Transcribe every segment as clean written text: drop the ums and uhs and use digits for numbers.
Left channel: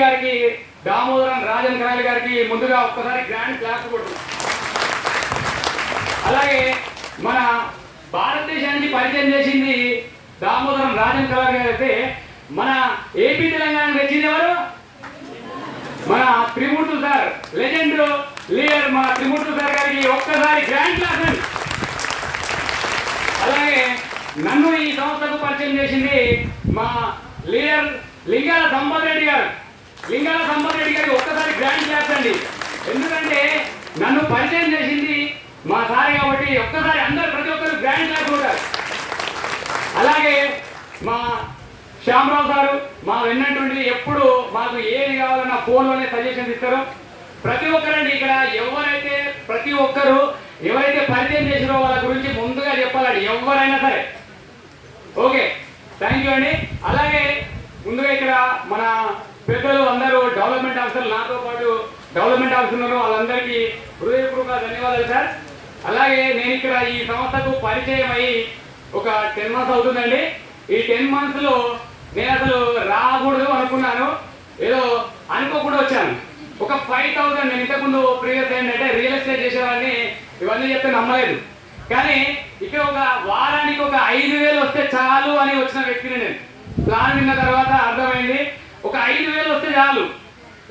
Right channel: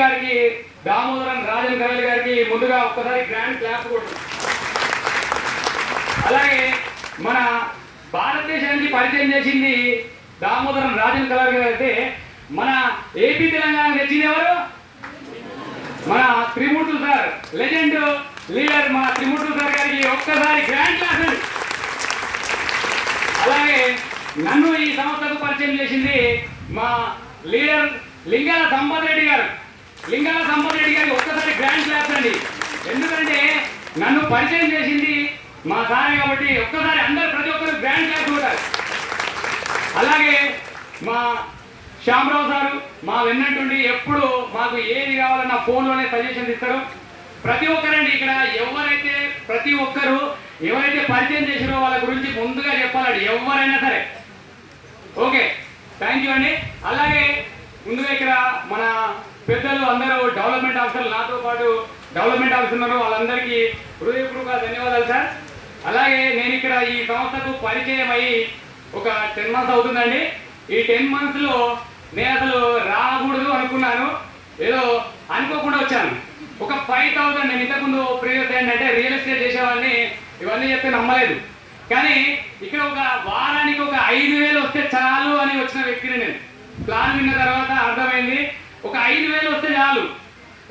గారికి దామోదరం రాజన్ కరాలి గారికి ముందుగా ఒక్కసారి గ్రాండ్ క్లాప్ కొట్టు. అలాగే మన భారతదేశానికి పరిచయం చేసింది దామోదరం రాజన్ కరాలి గారు అయితే మన ఏపీ తెలంగాణ తెచ్చింది ఎవరు? మన త్రిమూర్తులు సార్, లెజెండ్ లీడర్ మన త్రిమూర్తులు సార్ గారికి ఒక్కసారి గ్రాండ్ క్లాప్ అండి. అలాగే నన్ను ఈ సంస్థకు పరిచయం చేసింది మా లీడర్ లింగాల సంపత్ రెడ్డి గారు. లింగాల సంపత్ రెడ్డి గారికి ఒక్కసారి గ్రాండ్ క్లాప్స్ అండి. ఎందుకంటే నన్ను పరిచయం చేసింది మా సారే కాబట్టి ఒక్కసారి అందరు ప్రతి ఒక్కరు గ్రాండ్ క్లాప్స్ ఉంటారు. అలాగే మా శ్యామరావు సారు మా వెన్నట్టుండి ఎప్పుడు మాకు ఏది కావాలన్నా ఫోన్లోనే సజెషన్స్ ఇస్తారు. ప్రతి ఒక్కరండి ఇక్కడ ప్రతి ఒక్కరు ఎవరైతే పరిచయం చేసిరో వాళ్ళ గురించి ముందుగా చెప్పాలండి ఎవరైనా సరే. ఓకే, థ్యాంక్ యూ అండి. అలాగే ముందుగా ఇక్కడ మన పెద్దలు అందరూ డెవలప్మెంట్ ఆఫీసర్లు నాతో పాటు డెవలప్మెంట్ ఆఫీసర్ ఉన్నారు, వాళ్ళందరికీ హృదయపూర్వక ధన్యవాదాలు సార్. అలాగే నేను ఇక్కడ ఈ సంస్థకు పరిచయం అయ్యి ఒక 10 months అవుతుందండి. ఈ 10 monthsలో నేను అసలు రాకూడదు అనుకున్నాను, ఏదో అనుకోకుండా వచ్చాను. ఒక 5,000 నేను ఇంతకుముందు ప్రీవియస్ ఏంటంటే రియల్ ఎస్టేట్ చేసేవాడిని, ఇవన్నీ చెప్తే నమ్మలేదు. కానీ ఇక్కడ ఒక వారానికి ఒక 5,000 వస్తే చాలు అని వచ్చిన వ్యక్తిని నేను. ప్లాన్ విన్న తర్వాత అర్థమైంది ఒక 5,000 వస్తే చాలు.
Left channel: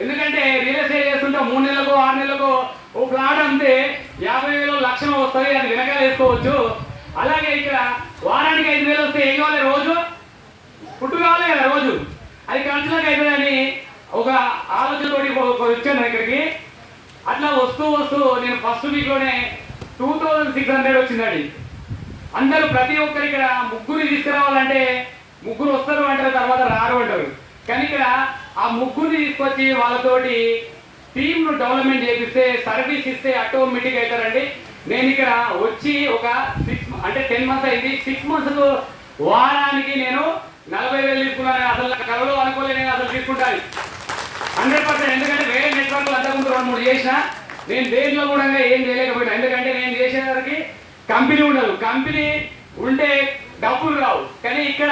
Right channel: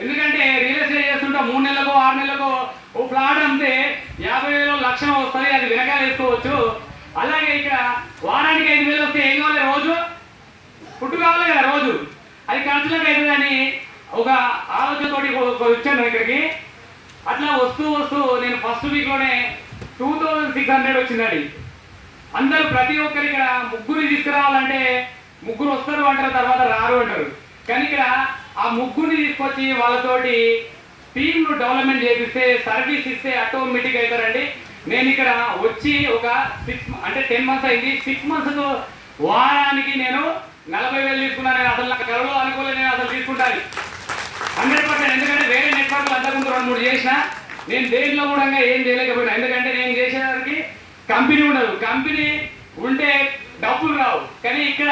ఎందుకంటే రియల్ ఎస్టేట్ చేస్తుంటే 3 నెలలకో 6 నెలలకో ఓ ప్లాట్ అంతే 50,000 లక్షణం వస్తుంది, అది వెనకాల వేసుకోవచ్చు. అలాగే ఇక్కడ వారానికి 5,000 వస్తే ఏం కావాలి? రోజు ఫుడ్ కావాలి కదా, రోజు అది ఖర్చులకు అవుతుందని ఒక ఆలోచనతోటి వచ్చాను ఇక్కడికి. అట్లా వస్తూ నేను ఫస్ట్ వీక్లోనే 2,600 వచ్చిందండి. అందరూ ప్రతి ఒక్కరు ఇక్కడ ముగ్గురు తీసుకురావాలంటే ముగ్గురు వస్తారు అంటారు, తర్వాత రారు అంటారు. కానీ ఇక్కడ ఆ ముగ్గురిని తీసుకొచ్చి వాళ్ళతోటి టీంను డెవలప్మెంట్ చేపిస్తే సర్వీస్ ఇస్తే ఆటోమేటిక్ అవుతారండి. నేను ఇక్కడ వచ్చి ఒక 10 months అయింది. 6 months వారానికి నేను 40,000 తీసుకున్నాను. అసలు నా కళలో అనుకోలేదు నేను అసలు తీసుకుంటాను 100%. ఎందుకంటే వేరే నెట్వర్క్లు అంతకుముందు 2-3 చేసిన నేను దేంట్లో కూడా ఏం చేయలేకపోయినా. ఎందుకంటే నేను చేసేదానికి కంపెనీ ఉండదు, కంపెనీ ఉంటే డబ్బులు రావు. కానీ ఇక్కడ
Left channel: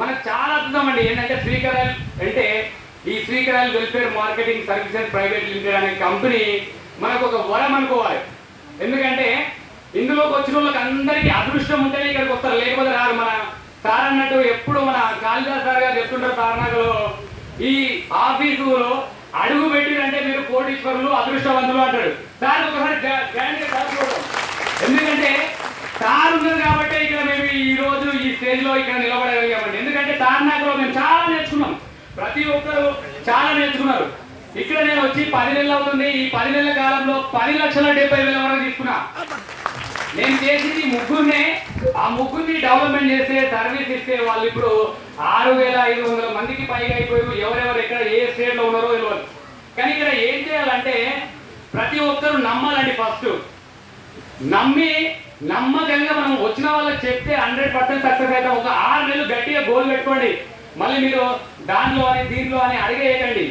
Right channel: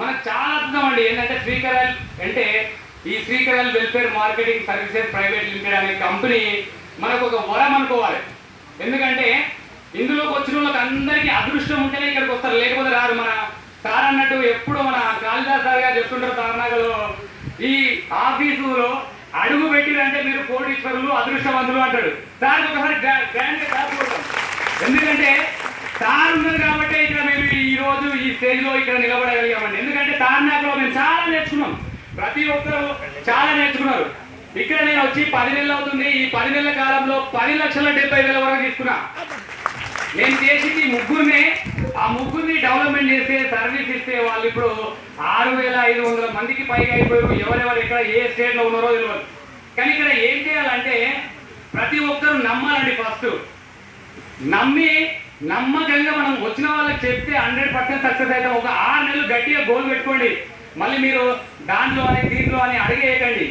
మనకు చాలా అద్భుతం అండి. ఏంటంటే శ్రీకరాయల్ అంటే ఈ Srikarayal welfare marketing services private limited అనే కంపెనీ మనకు ఒక వరం అనుకోవాలి. ఎందుకంటే ఇందులోకి వచ్చిన వాళ్ళకి అందరికీ అదృష్టం ఉంటేనే ఇక్కడికి వస్తారు, లేకపోతే రారు. మన సార్ అన్నట్టు ఎప్పుడు మన కాళిదాస్ సార్ గారు చెప్తుంటారు తారనాకలో, ఈ ఆఫీసులో అడుగు పెట్టిరంటే మీరు కోటీశ్వరులు అదృష్టవంతులు అంటాడు. సార్ ఒకసారి గ్రాండ్గా కాకపోతాం. ఎందుకంటే సార్ ఉన్నారు కాబట్టి ఇక్కడ మేము ఈ రోజు ఈ స్టేజ్లో ఇక్కడ నిలబడగలిగామండి. ఎందుకంటే తారనాకలో మేము చాలా నేర్చుకున్నాం, ప్రతి ఒక్కరు చాలా నేర్చుకున్నారు. ఇక్కడ నేను వచ్చి 10 నెలలు అవుతుంది. ఈ 10 నెలల కాలంలో 10,70,000 వరకు తీసుకున్నా. నేను చేసింది ముగ్గురినే. ఆ ముగ్గురిని డెవలప్మెంట్ చేస్తే సర్వీస్ ఇస్తే వాళ్ళు ఇప్పుడు 6,500 మందికి పైగా అయిపోయారు. ఎవరెవరు ఎక్కడ ఏ స్టేట్లో ఉన్నారో తెలియదు. కానీ ఇక్కడ ఏం చేయాలంటే ప్రతి ఒక్కరు నమ్మాలండి. ఫస్ట్ నమ్మకంగా మనం వచ్చిన వాళ్ళకి చెప్తే 100% సక్సెస్ అవుతాం. ఒక 6 నెలలు గట్టిగా గోల్ పెట్టుకోండి. మళ్ళీ మీరు దాంట్లో అని దీంట్లో అని అడిగేయకండి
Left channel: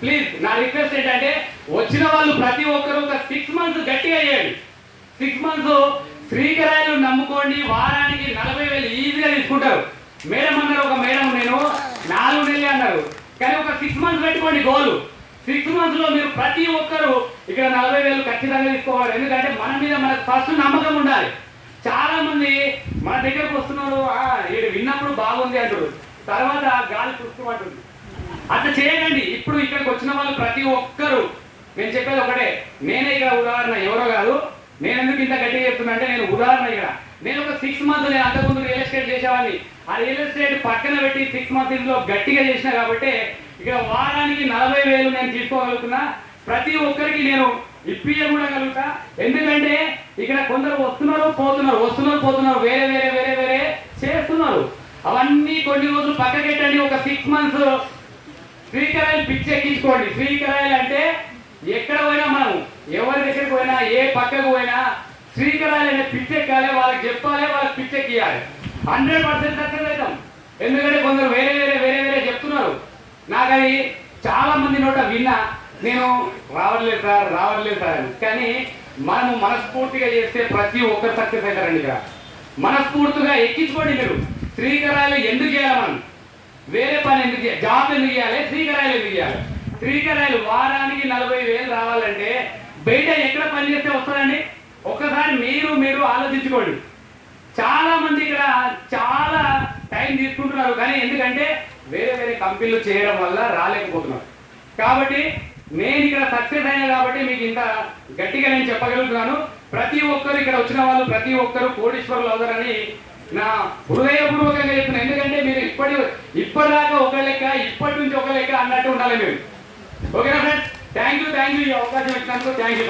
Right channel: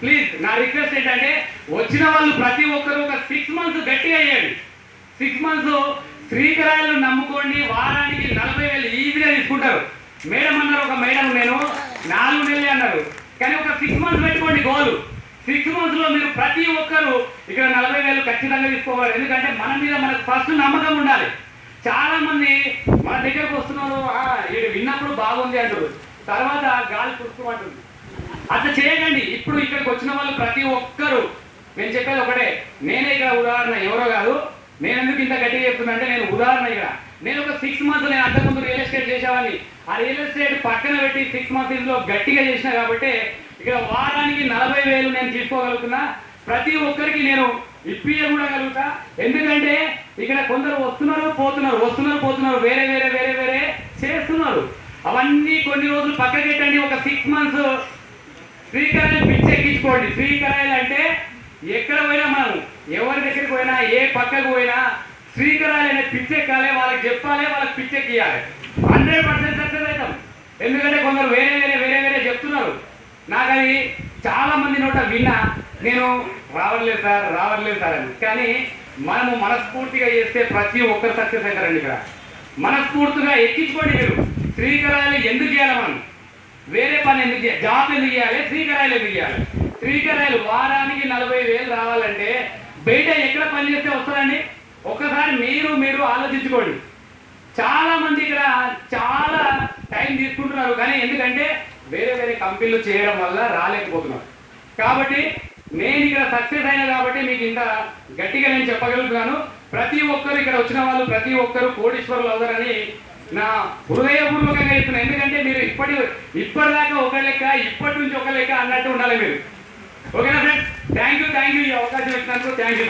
ప్లీజ్. నా రిక్వెస్ట్ ఏంటంటే వచ్చిన వాళ్ళు ప్రతి ఒక్కరు ఒక 6 months గట్టిగా చేయండి. 6 months శ్రీకరాయలు నమ్ముకోండి. వారానికి 40,000 ఈజీగా తీసుకుంటారు. మేడం అన్నారు, ఒక మేడం నేను 4 నెలలు అన్నారు. కానీ ఒక 6 months పెట్టుకోండి గోలు. 6 monthsలో మీరు ప్రతి ఒక్కరు ఇక్కడ 40,000 ఖచ్చితంగా తీసుకోవాలి. ఎందుకంటే మన మీద మనకు ఫస్ట్ నమ్మకం ఉండాలి. చాలా మంది మన దగ్గరకు వస్తున్నారు, వీడు విన్నప్పుడు బాగుంది అంటారు, తర్వాత గాలి చూసుకోమంటుంది. అట్లా చేయకండి. ఇప్పుడు ఇక్కడికి వచ్చిన వాళ్ళు ప్రతి ఒక్కరు నేను చెప్పేది ఒకటే. నేనే ఇక్కడ ఉదాహరణ, ఎవరో కాదు. నేను ఎందుకు ఇంత గట్టిగా చెప్తున్నా అంటే నేను ఉదాహరణ. ఇక్కడ నేను ఒక 6 months నేను అంతకుముందు రియల్ ఎస్టేట్ చేసేవాడిని. ఆ రియల్ ఎస్టేట్ పక్కన పెట్టి 6 months గట్టిగా చేసిన కాబట్టి ఇక్కడ వారానికి 40,000 నేను తీసుకోగలుగుతున్నా. ప్రతి ఒక్కరికి నేను ఇప్పియగలుగుతా. ఎందుకంటే ఇక్కడ కొందరు వస్తున్నారు పోతున్నారు, వేరే చేస్తున్నారు. అవన్నీ కొన్ని రోజులు పక్కకెట్టండి. ఒక 6 months శ్రీకరాయలు పిచ్చి ఎక్కించుకోండి. శ్రీకరాయలు అంటే ఎక్కడ పోయినా మనం ఎవరి దగ్గరికి పోయినా ఏ పక్కకు పోయినా శ్రీకరాయలు అనే పిచ్చి ఎక్కాలి, వాళ్ళకి చెప్పాలి, వాళ్ళకి పిచ్చి ఎక్కియాలి. 100% సక్సెస్ అవుతాం. ఎందుకంటే కొందరు వేరే చెప్తున్నారు. నాకు అది చాలా మంది నోట విన్నా, నేను రావట్లేదు సార్ అని. కానీ మనము మనస్ఫూర్తిగా చేస్తే ప్రతి ఒక్కరు సక్సెస్ అవుతారండి. ఇక్కడ మనస్ఫూర్తిగా ఎక్కించుకోండి. మీరు శ్రీకరాయలు ఎందుకు చేయాలి? మనం వేరే పని ఎందుకు చేయాలి, జాబ్ ఎందుకు చేయాలి, శ్రీకరాయలు ఎందుకు చేయాలి? శ్రీకరాయలు వారానికి 40,000 రావాలంటే బయట ఎక్కడ పని చేస్తే వస్తుందండి? ఒక్కసారి మీరు ఆలోచించుకోండి. చాలా మంది ఇక్కడ చాలా టైం తీసుకుంటున్నారు, కానీ ఎందుకంటే వేరే వేరే కంపెనీలు చేయడం వల్ల రాలేకపోతున్నారు. కాబట్టి నేను ఇక్కడ సక్సెస్ అయినా కాబట్టి మీకు ఇంత గట్టిగా నేను చెప్పగలుగుతున్నాను. ప్రతి ఒక్కరు ఇక్కడ వచ్చిన వాళ్ళు ప్రతి ఒక్కరు కోటీశ్వరులు అవుతారని నా హృదయపూర్వకంగా చెప్తున్నాను. ఎందుకంటే మీరు ఇప్పటిదాకా ఒక లెక్క, ఇప్పటి నుంచి ఒక లెక్క అన్నట్టు ఉండాలి మీరు. ఓకేనా ఫ్రెండ్స్? థ్యాంక్ యూ ఈ అవకాశం ఇచ్చినందుకు థ్యాంక్ యూ.